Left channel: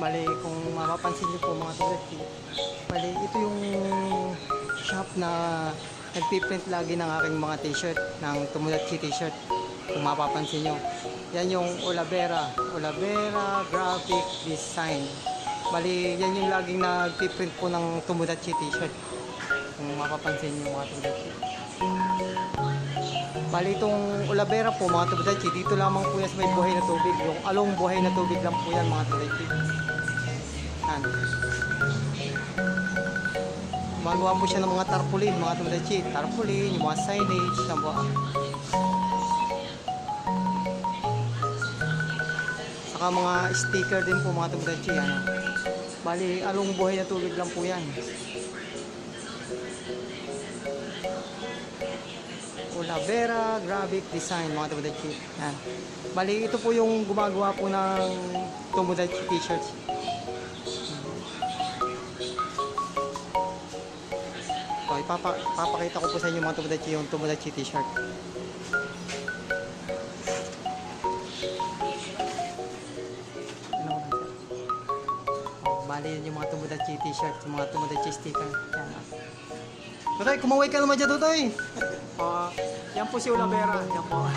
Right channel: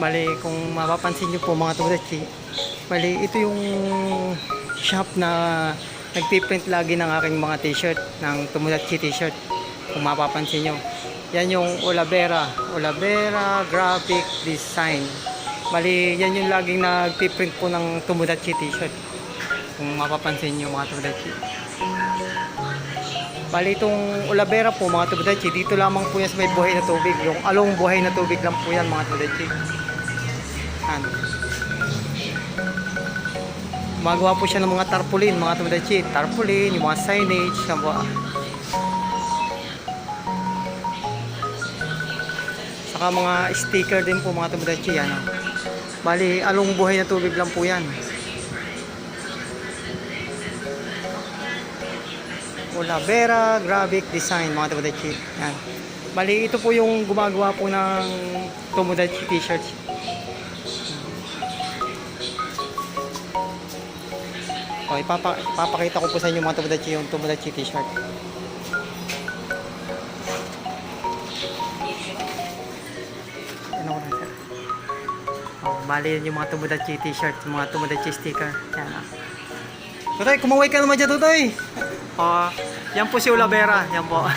Bali, kung mapapansin nyo po mga Tomodachi, bali ito yung shop na nagpiprint lagi ng aking mga t-shirt, ng Tomodachi t-shirt. Kung mapapansin nyo, yan yung Olavera Graphic Design. Bali, yan yung laging nagpiprint po ng Tomodachi t-shirt. Kung mapapansin nyo mga Tomodachi. Bali, itong Olavera po mga Tomodachi, dito lamang po yan sa may buhay na tubig. Yung along buhay na tubig lang po yan mga Tomodachi. Yan. Gumagawa po siya ng mga tarpaulin mga Tomodachi. Tarpaulin, yung mga signage, yan po. Saka mga sticker din po mga Tomodachi yan. Bali, along buhay na tubig lang po yan. Olavera Graphic Design mga Tomodachi. Yan. Bali, ito po yung gumagawa po ng Tomodachi t-shirts. So, ipapakita ko po sa inyo mga Tomodachi yung Tomodachi t-shirt. Bali, yan yung mga Tomodachi t-shirt, mga Tomodachi sticker. Yan. Tutoy, kumaway ka naman dyan, Tutoy. Yan po si Olavera. Yan po.